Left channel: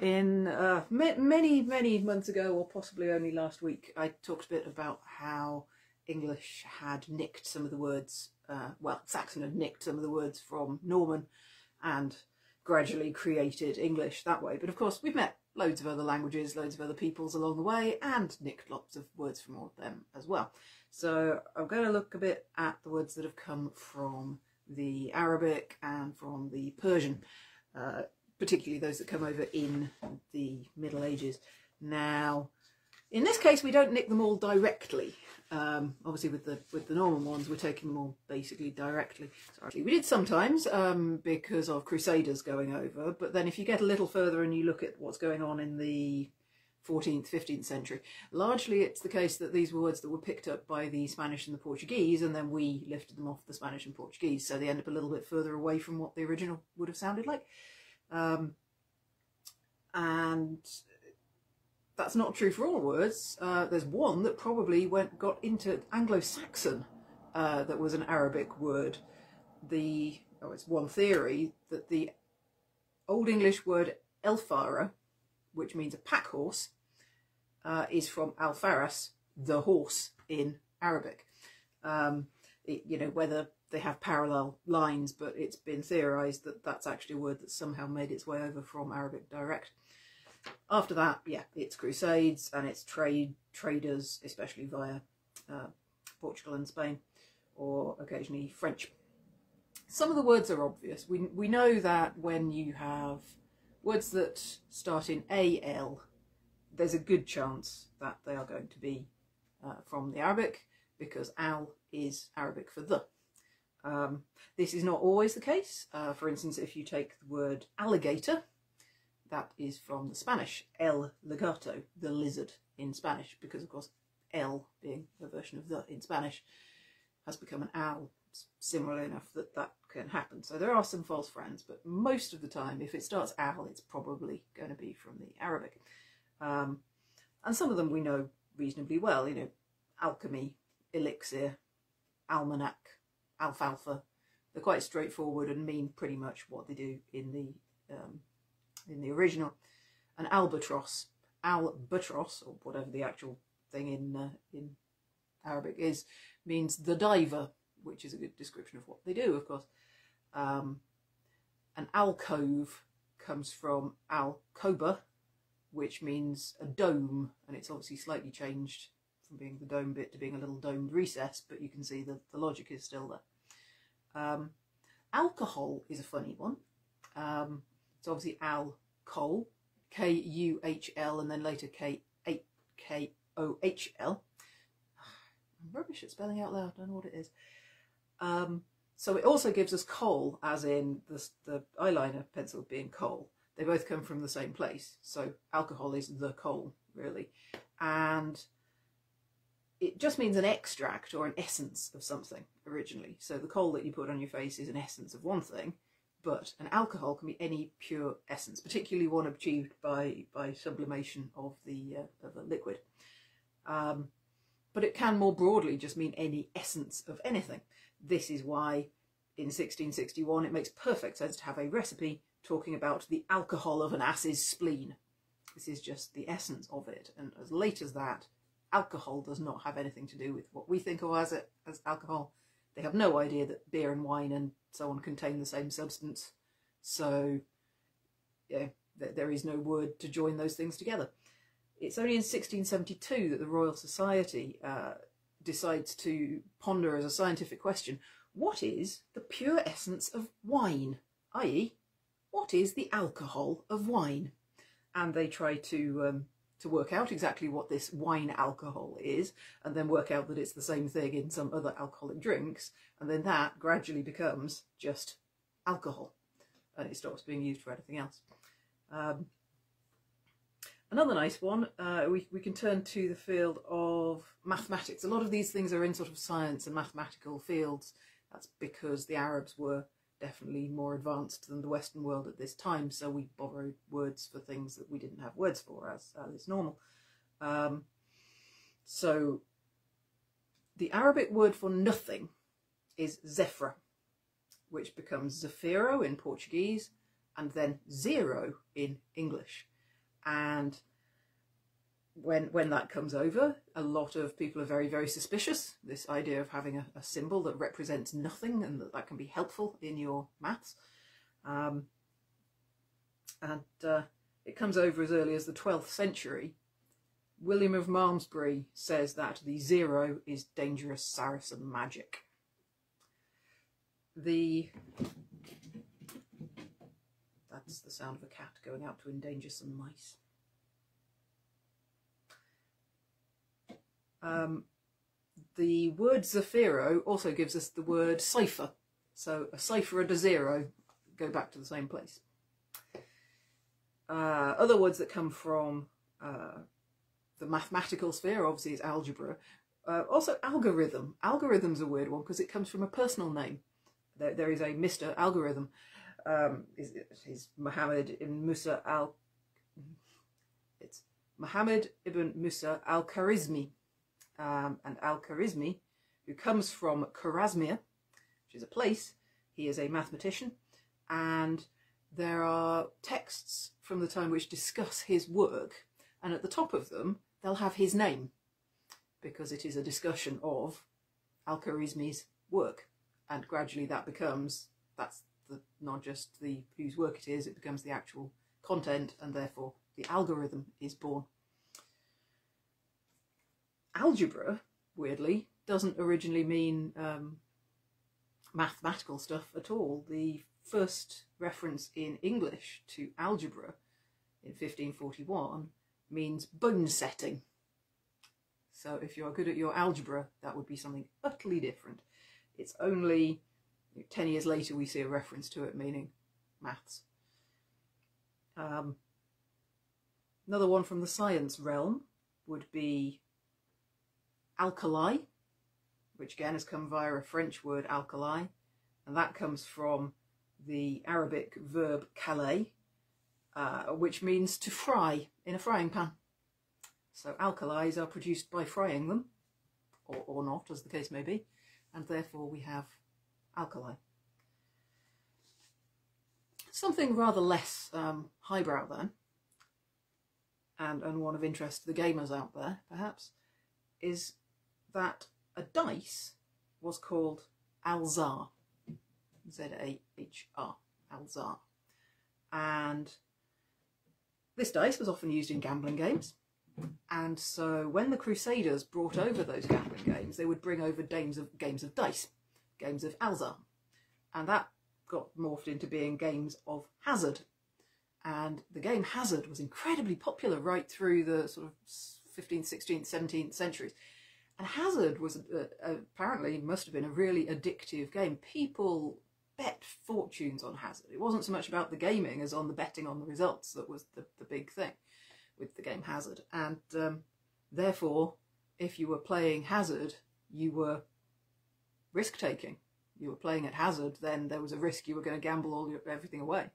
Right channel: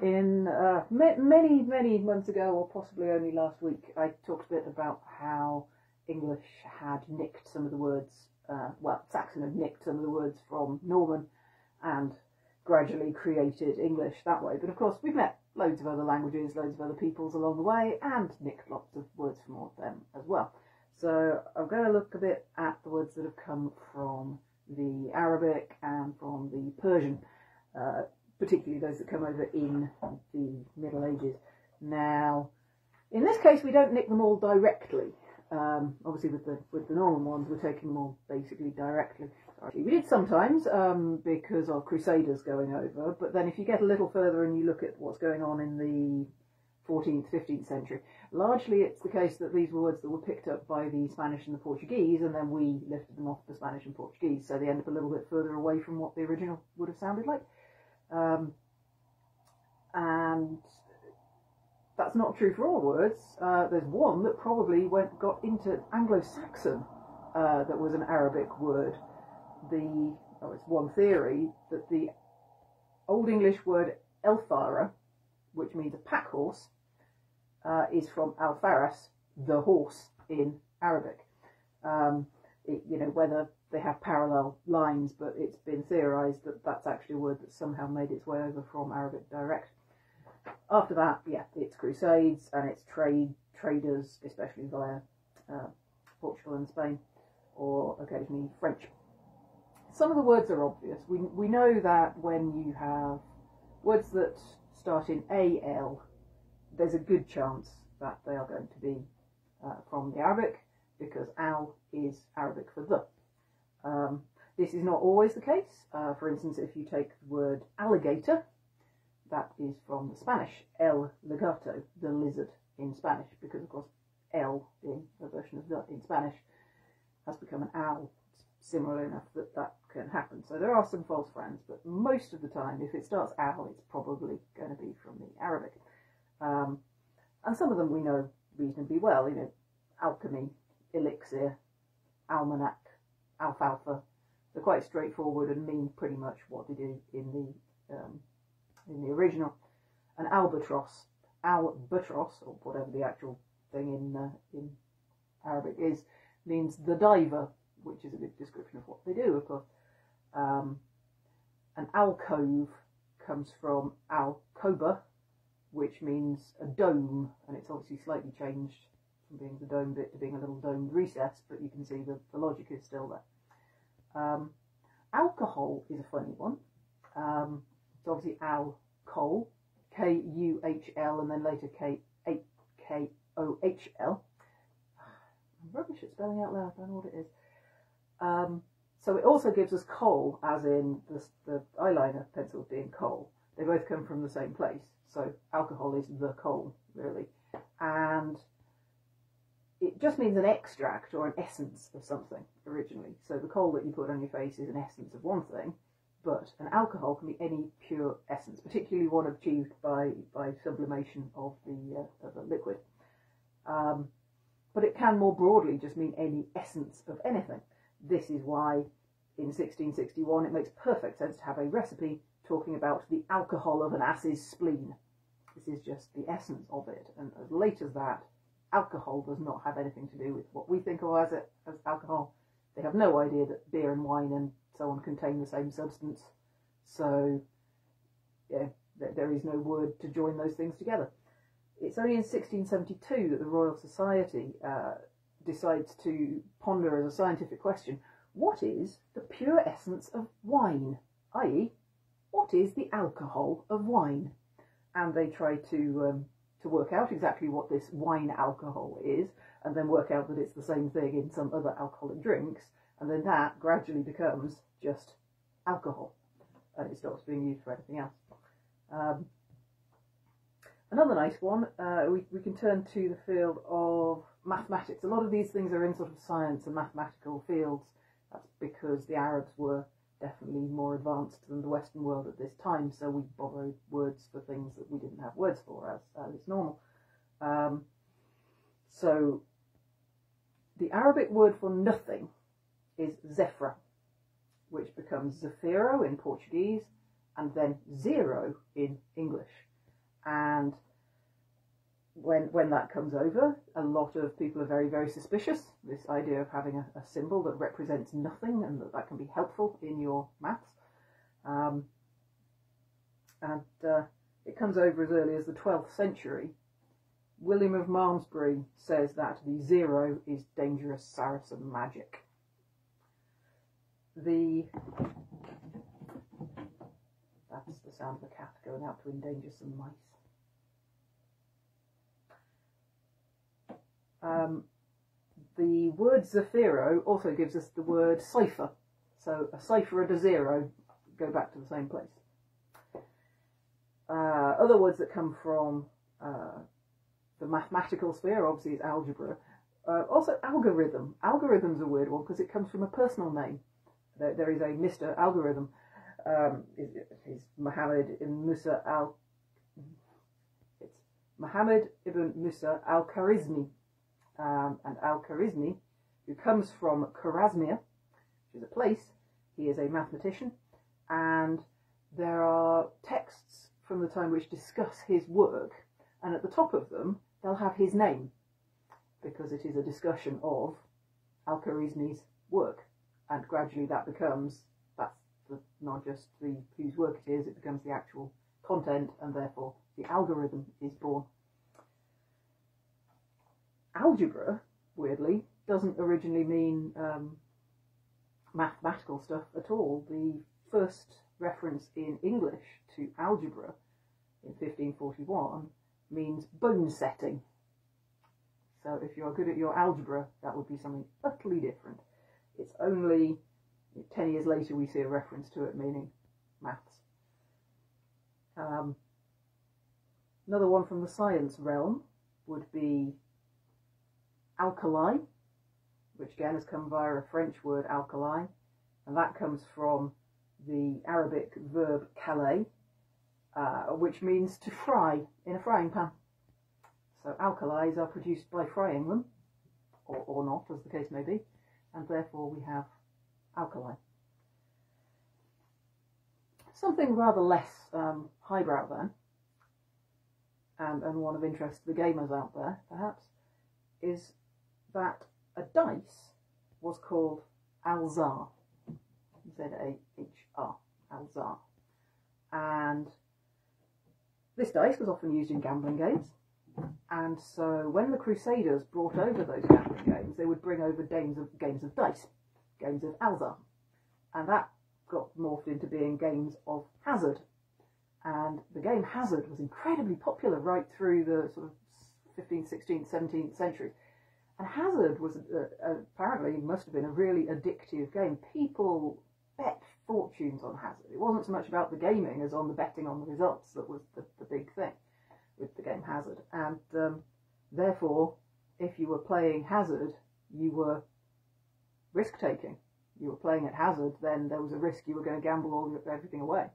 In many months ago, or possibly only last week, I talked a bit about how English had nicked some of the words, well, Saxon had nicked some of the words from Norman and gradually created English that way. But of course, we've met loads of other languages, loads of other peoples along the way, and nicked lots of words from all of them as well. So I'm going to look a bit at the words that have come from the Arabic and from the Persian, particularly those that come over in the Middle Ages. Now, in this case, we don't nick them all directly. Obviously, with the Norman ones, we're taking them all basically directly. Sorry, we did sometimes because of Crusaders going over, but then if you get a little further and you look at what's going on in the 14th, 15th century, largely it's the case that these were words that were picked up by the Spanish and the Portuguese, and then we lifted them off the Spanish and Portuguese, so they end up a little bit further away from what the original would have sounded like. And that's not true for all words. There's one that probably got into Anglo-Saxon that was an Arabic word. It's one theory that the Old English word elfara, which means a pack horse, is from alfaras, the horse in Arabic. You know, whether they have parallel lines, but it's been theorised that that's actually a word that somehow made its way over from Arabic direct. After that, yeah, it's crusades and it's traders, especially via Portugal and Spain, or occasionally French. Some of the words are obvious. We know that when you have words that start in AL, there's a good chance that they are going to be from the Arabic, because al is Arabic for the. This is not always the case. For instance, if you take the word alligator, that is from the Spanish, el legato, the lizard in Spanish, because of course el, being a version of the in Spanish, has become an al, similar enough that that can happen. So there are some false friends, but most of the time, if it starts al, it's probably going to be from the Arabic. And some of them we know reasonably well, you know, alchemy, elixir, almanac, alfalfa. They're quite straightforward and mean pretty much what they do in the original. An albatross, or whatever the actual thing in Arabic is, means the diver, which is a good description of what they do, of course. An alcove comes from alcoba, which means a dome, and it's obviously slightly changed from being the dome bit to being a little domed recess, but you can see the logic is still there. Alcohol is a funny one. It's obviously alcohol, K-U-H-L, and then later K-K-O-H-L. I'm rubbish at spelling out loud, I don't know what it is. So it also gives us coal, as in the eyeliner pencil being coal. They both come from the same place, so alcohol is the coal, really. And it just means an extract or an essence of something originally. So the coal that you put on your face is an essence of one thing, but an alcohol can be any pure essence, particularly one achieved by sublimation of the liquid. But it can more broadly just mean any essence of anything. This is why in 1661 it makes perfect sense to have a recipe talking about the alcohol of an ass's spleen. This is just the essence of it, and as late as that, alcohol does not have anything to do with what we think of as alcohol. They have no idea that beer and wine and so on contain the same substance, so yeah, there is no word to join those things together. It's only in 1672 that the Royal Society decides to ponder as a scientific question, what is the pure essence of wine? i.e., what is the alcohol of wine? And they try to work out exactly what this wine alcohol is, and then work out that it's the same thing in some other alcoholic drinks, and then that gradually becomes just alcohol, and it stops being used for anything else. Another nice one, we can turn to the field of mathematics. A lot of these things are in sort of science and mathematical fields. That's because the Arabs were definitely more advanced than the Western world at this time, so we borrowed words for things that we didn't have words for, as is normal. So the Arabic word for nothing is zefra, which becomes zefiro in Portuguese and then zero in English. And when that comes over, a lot of people are very, very suspicious. This idea of having a symbol that represents nothing and that can be helpful in your maths. It comes over as early as the 12th century. William of Malmesbury says that the 0 is dangerous Saracen magic. That's the sound of a cat going out to endanger some mice. The word Zafiro also gives us the word cipher. So a cipher and a 0 go back to the same place. Other words that come from the mathematical sphere, obviously, is algebra. Also algorithm. Algorithm's a weird one because it comes from a personal name. There is a Mr. Algorithm. Is Muhammad ibn Musa it's Muhammad ibn Musa al-Khwarizmi. And al-Khwarizmi, who comes from Khwarezmia, which is a place. He is a mathematician, and there are texts from the time which discuss his work, and at the top of them they'll have his name, because it is a discussion of al-Khwarizmi's work, and gradually that becomes, not just the whose work it is, it becomes the actual content, and therefore the algorithm is born. Algebra, weirdly, doesn't originally mean mathematical stuff at all. The first reference in English to algebra in 1541 means bone setting. So if you're good at your algebra, that would be something utterly different. It's only 10 years later we see a reference to it meaning maths. Another one from the science realm would be alkali, which again has come via a French word alkali, and that comes from the Arabic verb kalay, which means to fry in a frying pan. So alkalis are produced by frying them, or not, as the case may be, and therefore we have alkali. Something rather less highbrow then, and one of interest to the gamers out there perhaps, is that a dice was called alzar, Z-A-H-R, alzar, and this dice was often used in gambling games, and so when the Crusaders brought over those gambling games, they would bring over games of dice, games of alzar, and that got morphed into being games of hazard, and the game hazard was incredibly popular right through the sort of 15th, 16th, 17th centuries. And hazard was apparently must have been a really addictive game. People bet fortunes on hazard. It wasn't so much about the gaming as on the betting on the results that was the big thing with the game hazard. And therefore, if you were playing hazard, you were risk-taking. You were playing at hazard, then there was a risk you were going to gamble everything away.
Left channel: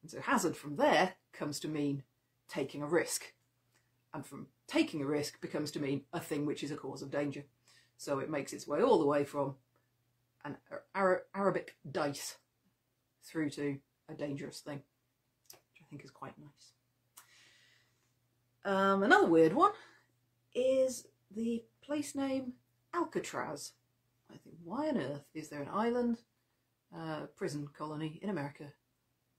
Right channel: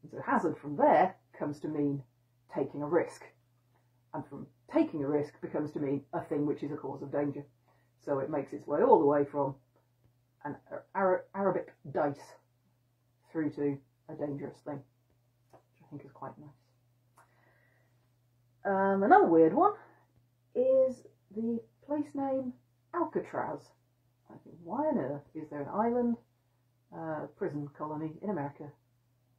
And so hazard from there comes to mean taking a risk. And from taking a risk becomes to mean a thing which is a cause of danger. So it makes its way all the way from an Arabic dice through to a dangerous thing, which I think is quite nice. Another weird one is the place name Alcatraz. I think, why on earth is there an island, prison colony in America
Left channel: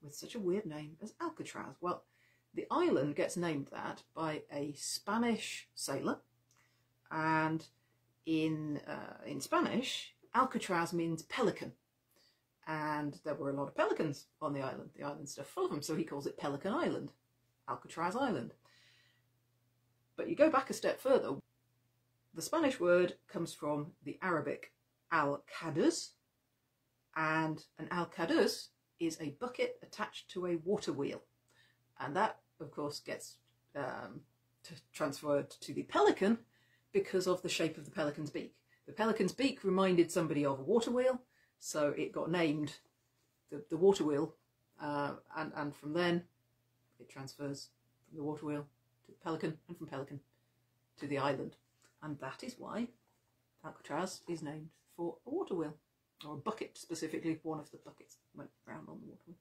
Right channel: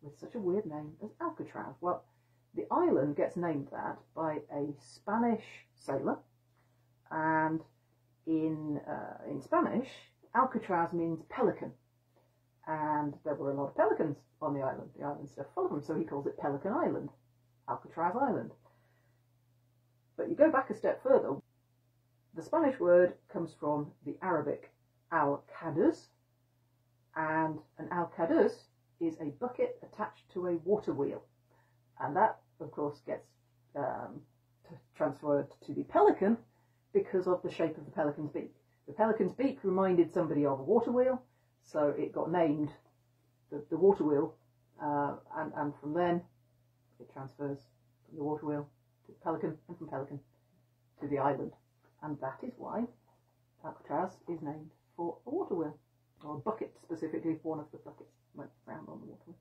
with such a weird name as Alcatraz? Well, the island gets named that by a Spanish sailor, and in Spanish, Alcatraz means pelican, and there were a lot of pelicans on the island. The island's still full of them, so he calls it Pelican Island, Alcatraz Island. But you go back a step further. The Spanish word comes from the Arabic al-kadus, and an al-kadus is a bucket attached to a water wheel. And that, of course, gets transferred to the pelican because of the shape of the pelican's beak. The pelican's beak reminded somebody of a water wheel, so it got named the water wheel, and from then it transfers from the water wheel to the pelican, and from pelican to the island. And that is why Alcatraz is named for a water wheel, or a bucket specifically. One of the buckets went round on the water wheel.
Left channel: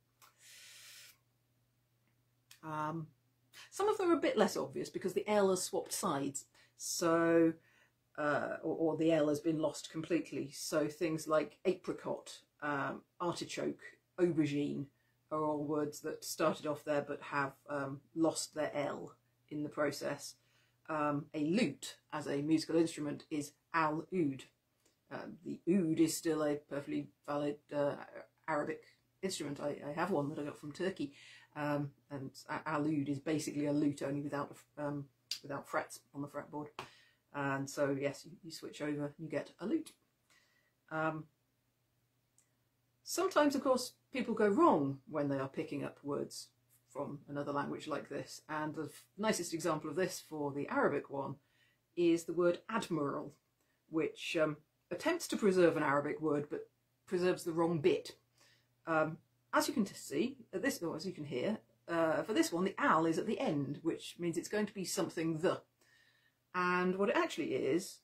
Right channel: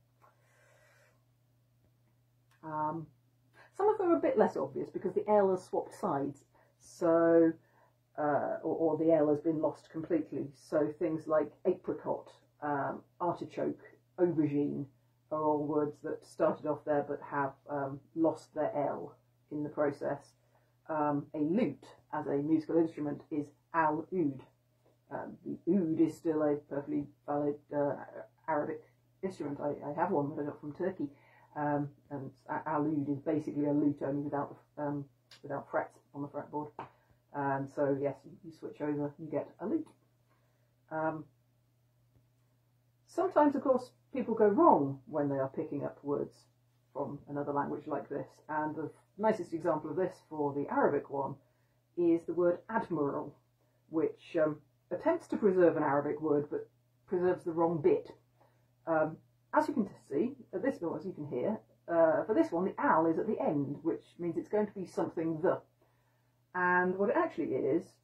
Some of them are a bit less obvious because the L has swapped sides, so or the L has been lost completely. So things like apricot, artichoke, aubergine are all words that started off there but have lost their L in the process. A lute as a musical instrument is al-oud. The oud is still a perfectly valid Arabic instrument. I have one that I got from Turkey, and al-oud is basically a lute only without frets on the fretboard. And so yes, you switch over, you get a lute. Sometimes, of course, people go wrong when they are picking up words from another language like this, and the nicest example of this for the Arabic one is the word admiral, which attempts to preserve an Arabic word but preserves the wrong bit. As you can see, as you can hear, for this one the al is at the end, which means it's going to be something the. And what it actually is,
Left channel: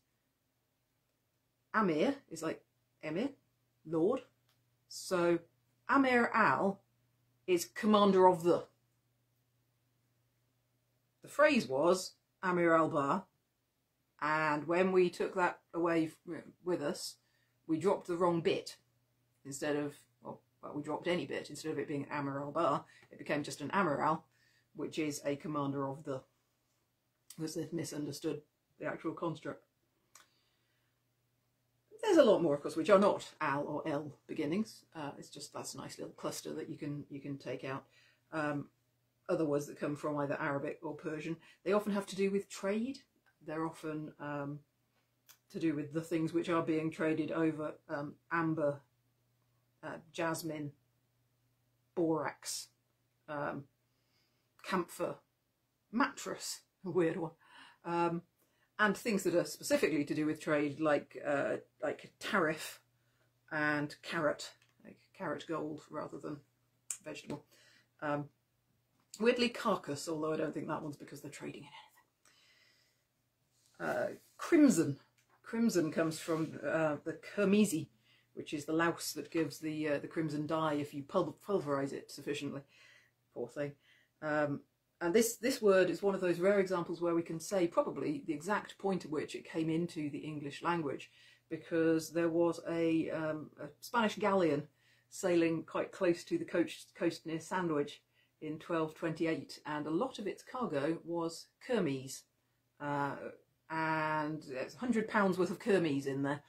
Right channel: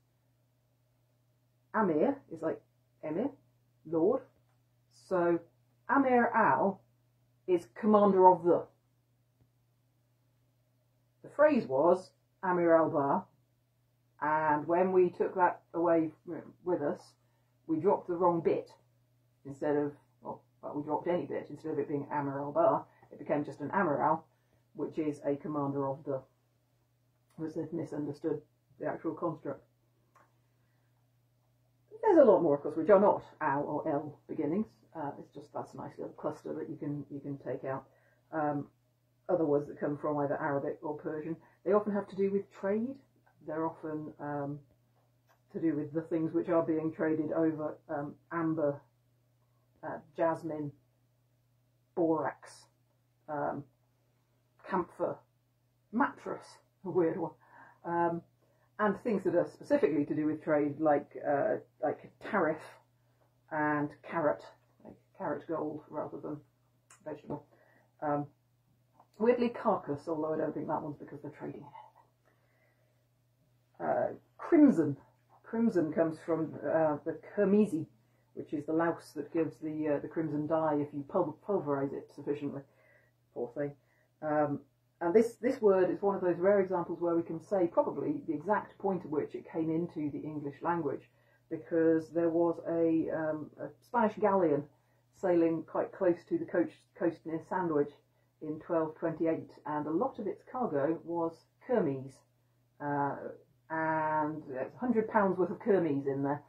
Amir is like Emir, Lord. So Amir al is commander of the. The phrase was Amir al-Bar, and when we took that away with us, we dropped the wrong bit. Instead of, well, we dropped any bit. Instead of it being Amir al-Bar, it became just an Amiral, which is a commander of the. Because they've misunderstood the actual construct. There's a lot more, of course, which are not al or l beginnings. It's just that's a nice little cluster that you can take out. Other words that come from either Arabic or Persian, they often have to do with trade. They're often to do with the things which are being traded over: amber, jasmine, borax, camphor, mattress, a weird one, and things that are specifically to do with trade, like tariff and carrot, like carrot gold rather than vegetable. Weirdly, carcass, although I don't think that one's because they're trading in anything. Crimson. Crimson comes from the kermesi, which is the louse that gives the crimson dye if you pulverise it sufficiently. Poor thing. And this word is one of those rare examples where we can say probably the exact point at which it came into the English language, because there was a Spanish galleon sailing quite close to the coast near Sandwich in 1228, and a lot of its cargo was kermes, and there's £100 worth of kermes in there,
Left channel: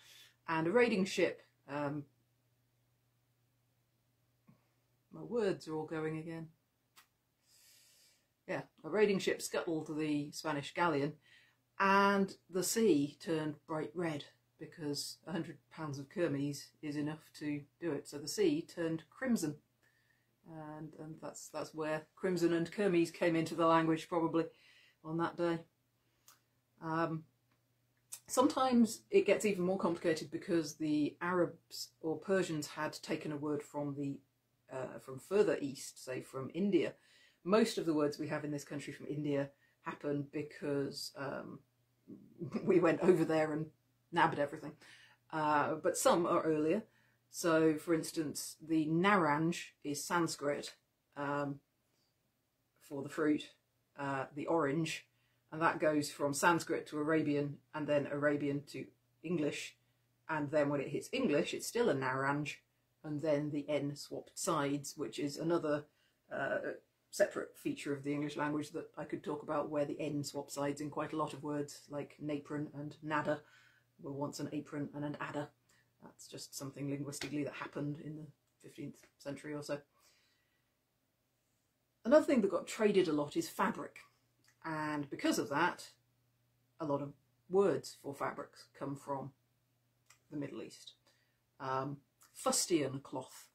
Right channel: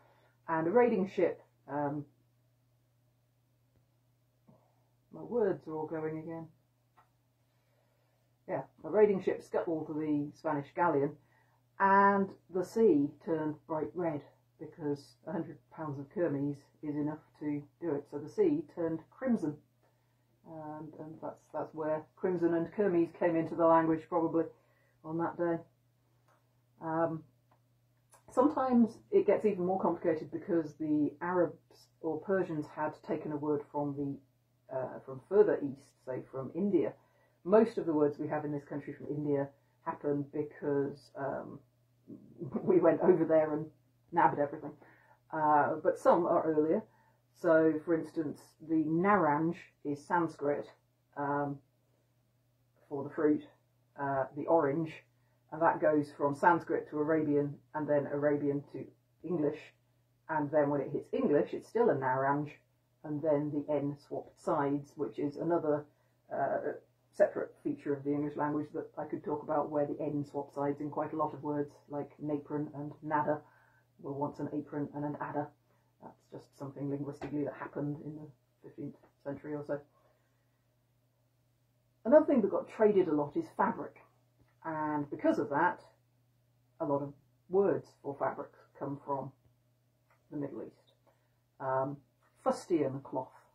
and a raiding ship. My words are all going again. Yeah, a raiding ship scuttled the Spanish galleon, and the sea turned bright red because £100 of kermes is enough to do it. So the sea turned crimson. And that's where crimson and kermes came into the language, probably on that day. Sometimes it gets even more complicated because the Arabs or Persians had taken a word from from further east, say from India. Most of the words we have in this country from India happened because we went over there and nabbed everything. But some are earlier. So, for instance, the naranj is Sanskrit for the fruit, the orange, and that goes from Sanskrit to Arabian, and then Arabian to English, and then when it hits English, it's still a naranj, and then the N swapped sides, which is another separate feature of the English language that I could talk about, where the N swap sides in quite a lot of words, like napron and nada were once an apron and an adder. That's just something linguistically that happened in the 15th century or so. Another thing that got traded a lot is fabric, and because of that, a lot of words for fabrics come from the Middle East. Fustian cloth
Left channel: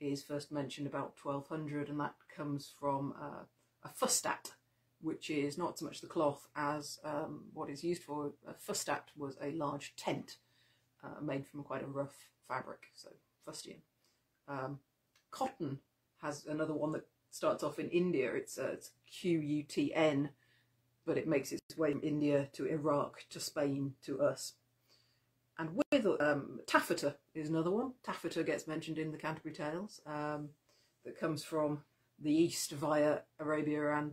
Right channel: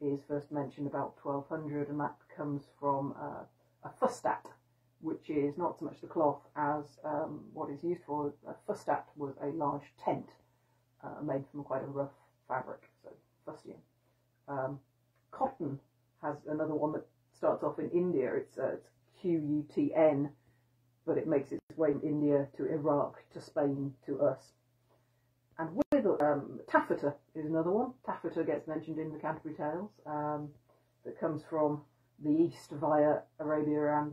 is first mentioned about 1200, and that comes from a fustat, which is not so much the cloth as what is used for. A fustat was a large tent made from quite a rough fabric, so fustian. Cotton has another one that starts off in India. It's Qutn, but it makes its way from India to Iraq to Spain to us. And with taffeta is another one. Taffeta gets mentioned in the Canterbury Tales. That comes from the east via Arabia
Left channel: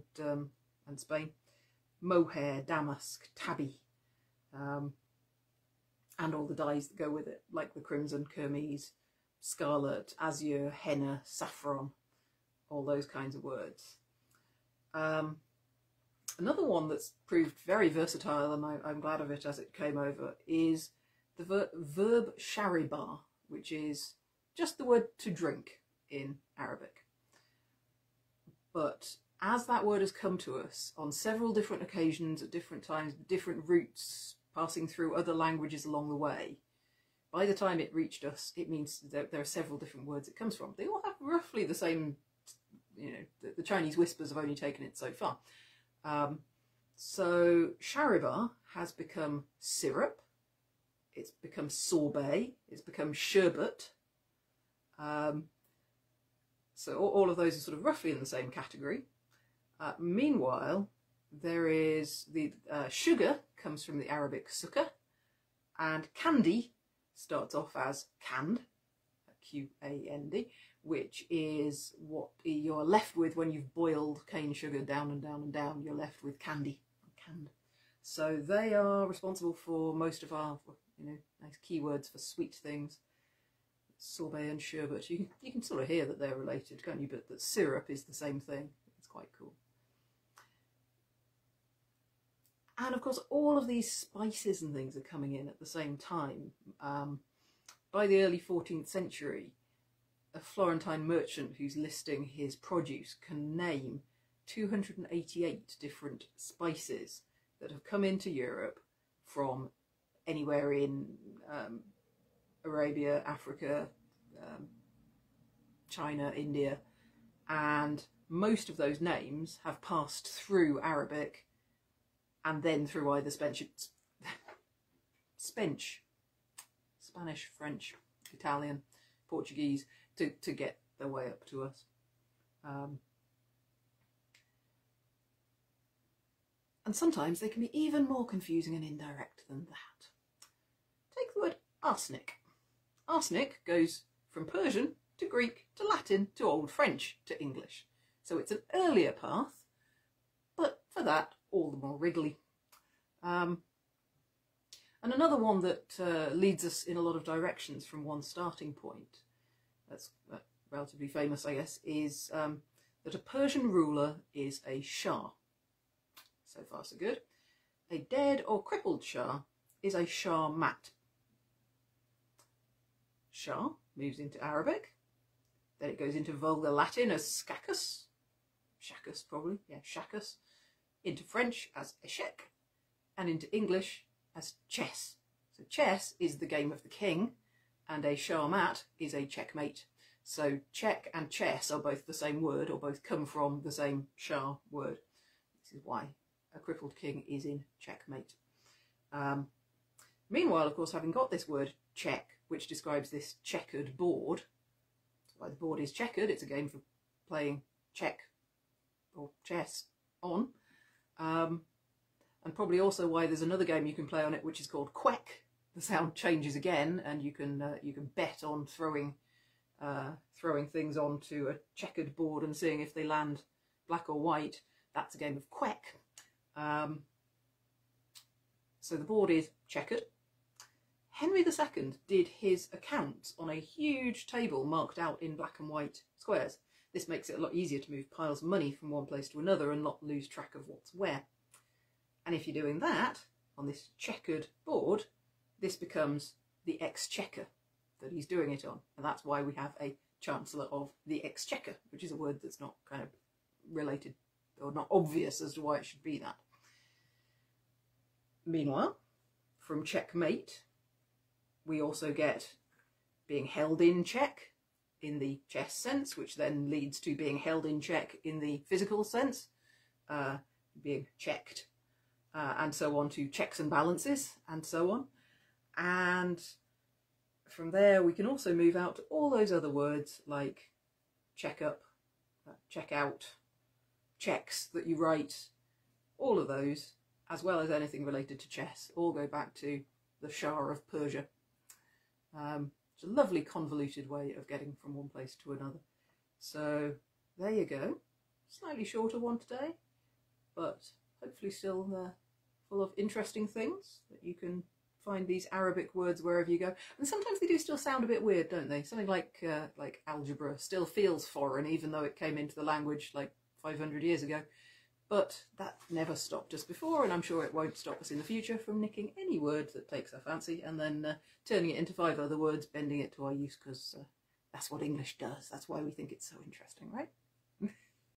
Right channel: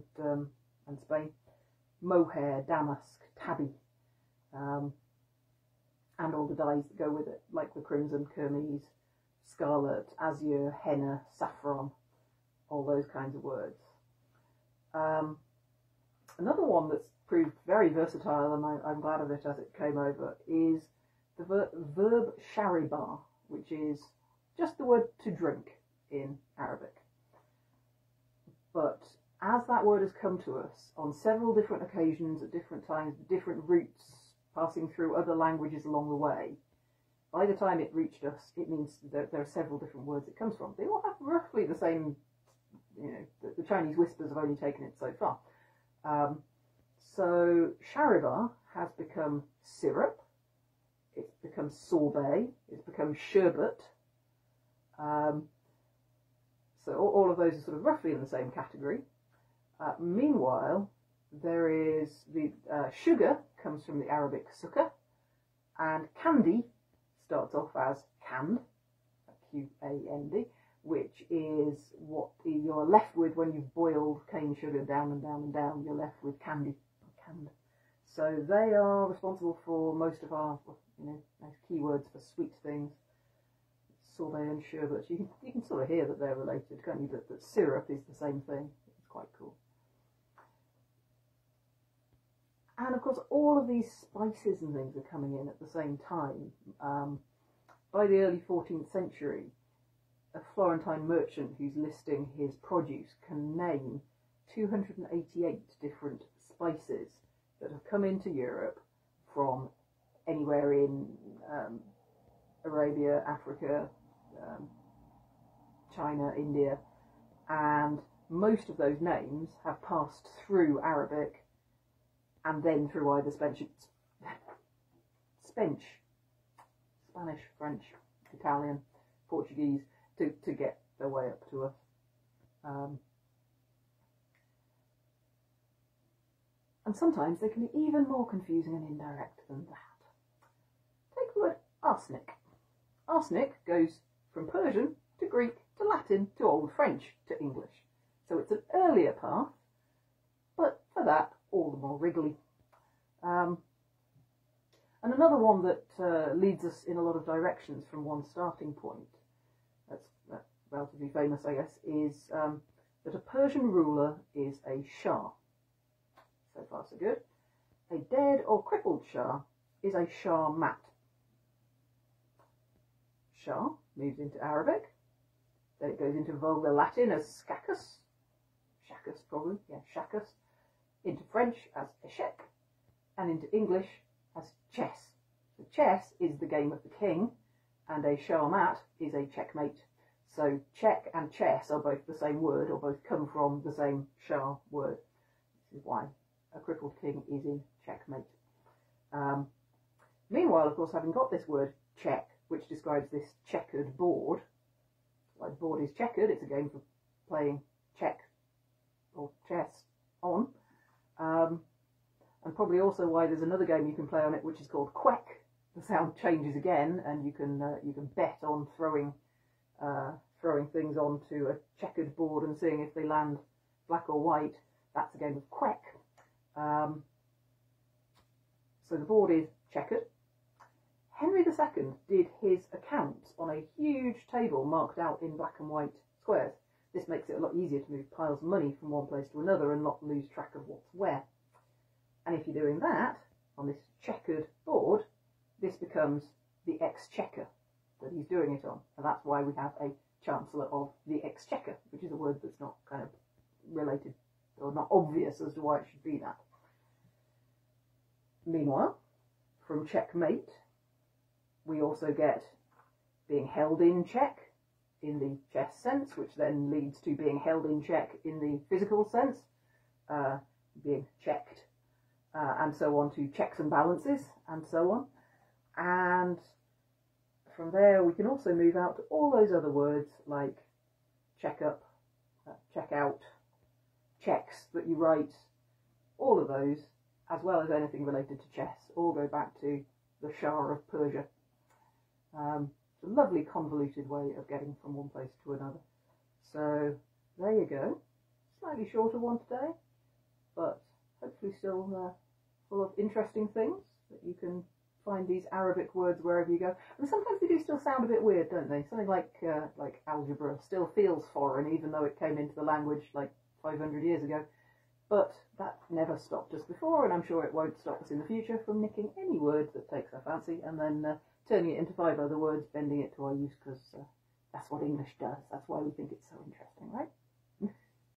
and Spain. Mohair, damask, tabby, and all the dyes that go with it, like the crimson, kermes, scarlet, azure, henna, saffron, all those kinds of words. Another one that's proved very versatile, and I'm glad of it as it came over, is the verb shariba, which is just the word to drink in Arabic. But as that word has come to us on several different occasions at different times, different routes, passing through other languages along the way, by the time it reached us, it means that there are several different words it comes from. They all have roughly the same, you know, the Chinese whispers have only taken it so far. So shariba has become syrup, it's become sorbet, it's become sherbet. So all of those are sort of roughly in the same category. Meanwhile, there is the sugar comes from the Arabic sukkar, and candy starts off as canned, Q-A-N-D, which is what you're left with when you've boiled cane sugar down and down and down. You're left with candy, canned. So they are responsible for most of our, you know, nice keywords for sweet things. Sorbet and sherbet. You can sort of hear that they're related, can't you? But that syrup is the same thing. It's quite cool. And of course, all of these spices and things are coming in at the same time. By the early 14th century, a Florentine merchant who's listing his produce can name 288 different spices that have come into Europe from anywhere in Arabia, Africa, China, India, and most of those names have passed through Arabic and then through either Spanish, French, Italian, Portuguese to get their way up to us. And sometimes they can be even more confusing and indirect than that. Take the word arsenic. Arsenic goes from Persian to Greek to Latin to Old French to English. So it's an earlier path, but for that, all the more wriggly. And another one that leads us in a lot of directions from one starting point, that's relatively famous, I guess, is that a Persian ruler is a Shah. So far, so good. A dead or crippled Shah is a Shah mat. Shah moves into Arabic, then it goes into Vulgar Latin as scacus, shacus probably, yeah, shacus, into French as échec, and into English as chess. So chess is the game of the king, and a Shah mat is a checkmate. So check and chess are both the same word, or both come from the same Shah word. This is why a crippled king is in checkmate. Meanwhile, of course, having got this word check, which describes this checkered board, why the board is checkered, it's a game for playing check or chess on, and probably also why there's another game you can play on it which is called quack. The sound changes again, and you can bet on throwing things onto a checkered board and seeing if they land black or white. That's a game of quack. So the board is checkered. Henry II did his accounts on a huge table marked out in black and white squares. This makes it a lot easier to move piles of money from one place to another and not lose track of what's where. And if you're doing that on this checkered board, this becomes the exchequer that he's doing it on. And that's why we have a Chancellor of the Exchequer, which is a word that's not kind of related or not obvious as to why it should be that. Meanwhile, from checkmate, we also get being held in check in the chess sense, which then leads to being held in check in the physical sense, being checked, and so on to checks and balances, and so on. And from there we can also move out to all those other words like check up, check out, checks that you write, all of those, as well as anything related to chess, all go back to the Shah of Persia. It's a lovely convoluted way of getting from one place to another. So there you go, slightly shorter one today, but hopefully still full of interesting things that you can find these Arabic words wherever you go. And sometimes they do still sound a bit weird, don't they? Something like algebra still feels foreign, even though it came into the language like 500 years ago. But that never stopped us before, and I'm sure it won't stop us in the future from nicking any word that takes our fancy and then turning it into 5 other words, bending it to our use, because that's what English does. That's why we think it's so interesting, right?